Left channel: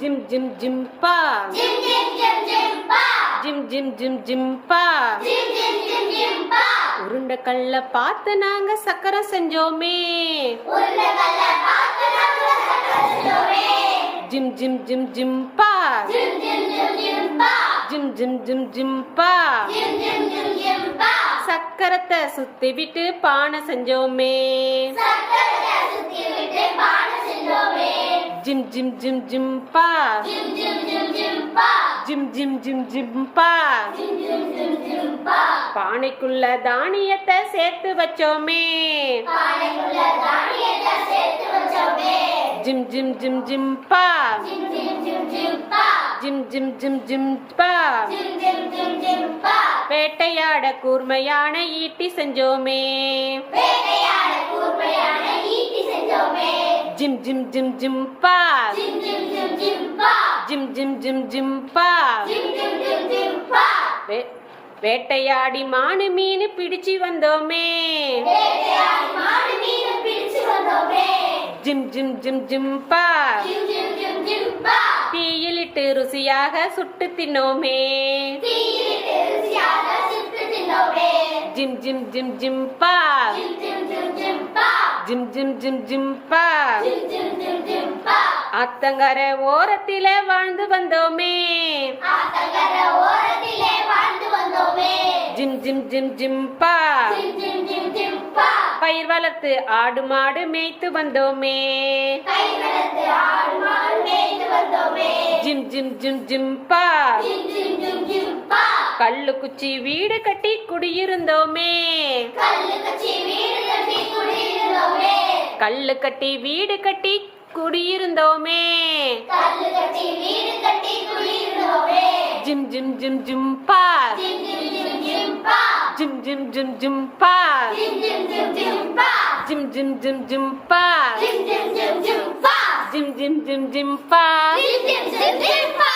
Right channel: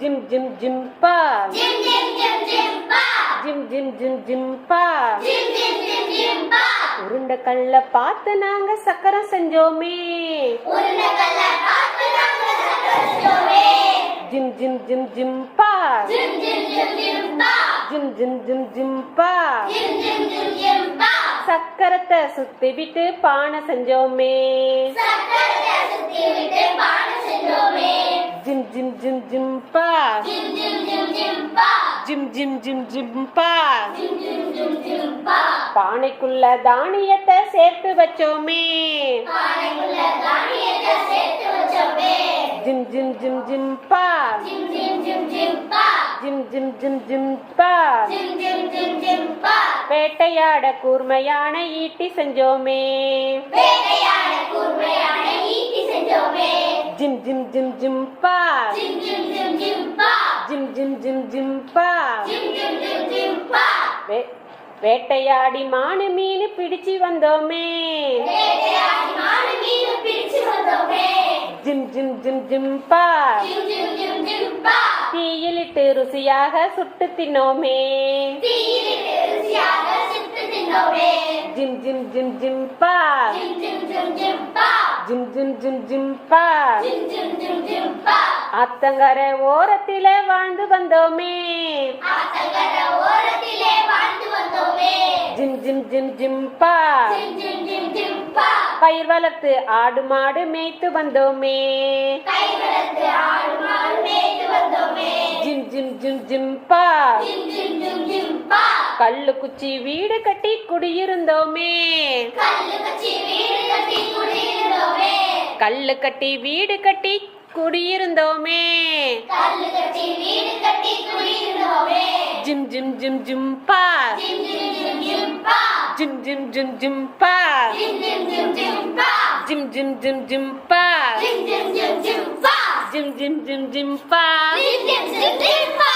gym gym gym பா gym gym gym gym பா gym gym gym gym பா gym gym gym gym பா உருண்டை கல்ல பார்த்து நாங்க சக்கரம் செஞ்சோமே உருண்டை கல்ல பார்த்து நாங்க சக்கரம் செஞ்சோமே ஜிம் ஜிம் ஜிம் ஜிம் பா ஜிம் ஜிம் ஜிம் ஜிம் பா ஜிம் ஜிம் ஜிம் ஜிம் பா ஜிம் ஜிம் ஜிம் ஜிம் பா சக்கரத்தை சுத்தி விட்டு பானை செஞ்சோமே சக்கரத்தை சுத்தி விட்டு பானை செஞ்சோமே ஜிம் ஜிம் ஜிம் ஜிம் பா ஜிம் ஜிம் ஜிம் ஜிம் பா ஜிம் ஜிம் ஜிம் ஜிம் பா ஜிம் ஜிம் ஜிம் ஜிம் பா பானைக்குள்ள தானியத்தை சேர்த்து வச்சோமே பானைக்குள்ள தானியத்தை சேர்த்து வச்சோமே ஜிம் ஜிம் ஜிம் ஜிம் பா ஜிம் ஜிம் ஜிம் ஜிம் பா ஜிம் ஜிம் ஜிம் ஜிம் பா ஜிம் ஜிம் ஜிம் ஜிம் பா வேட்டையாட கூர்மையான ஈட்டி செஞ்சோமே வேட்டையாட கூர்மையான ஈட்டி செஞ்சோமே ஜிம் ஜிம் ஜிம் ஜிம் பா ஜிம் ஜிம் ஜிம் ஜிம் பா ஜிம் ஜிம் ஜிம் ஜிம் பா ஜிம் ஜிம் ஜிம் ஜிம் பா வேட்டையாடி மானு மீன் பிடிச்சு வந்தோமே வேட்டையாடி மானு மீன் பிடிச்சு வந்தோமே ஜிம் ஜிம் ஜிம் ஜிம் பா ஜிம் ஜிம் ஜிம் ஜிம் பா தீயிலிட்டு ருசியாக சுட்டு தின்னோமே தீயிலிட்டு ருசியாக சுட்டு தின்னோமே ஜிம் ஜிம் ஜிம் ஜிம் பா ஜிம் ஜிம் ஜிம் ஜிம் பா ஜிம் ஜிம் ஜிம் ஜிம் பா ஜிம் ஜிம் ஜிம் ஜிம் பா ஆத்தங்கரை ஓரத்தில வாழ்ந்து வந்தோமே ஆத்தங்கர ஓரத்திலே வாழ்ந்து வந்தோமே ஜிம் ஜிம் ஜிம் ஜிம் பா ஜிம் ஜிம் ஜிம் ஜிம் பா பயிர் வளர்த்து ஆடு மாடு மேய்த்து வந்தோமே கை வளர்த்து ஆடு மாடு மேய்த்து வந்தோமே ஜிம் ஜிம் ஜிம் ஜிம் பா ஜிம் ஜிம் ஜிம் ஜிம் பா கல்லு குச்சி வீடு கட்டி குடியிருந்தோமே கல்லு கச்சி வீடு கட்டி குடியிருந்தோமே கல்லு கட்டி வீடு கட்டி குடியிருந்தோமே கல்லு கட்டி வீடு கட்டி குடியிருந்தோமே ஜிம் ஜிம் ஜிம் ஜிம் பா ஜிம் ஜிம் ஜிம் ஜிம் பா ஜிம் ஜிம் ஜிம் ஜிம் பா ஜிம் ஜிம் ஜிம் ஜிம் பா ஜிம் ஜிம் ஜிம் ஜிம் பா ஜிம் ஜிம் ஜிம் ஜிம் பா ஜிம் ஜிம் ஜிம் ஜிம் பா ஜிம் ஜிம் ஜிம் ஜிம் பா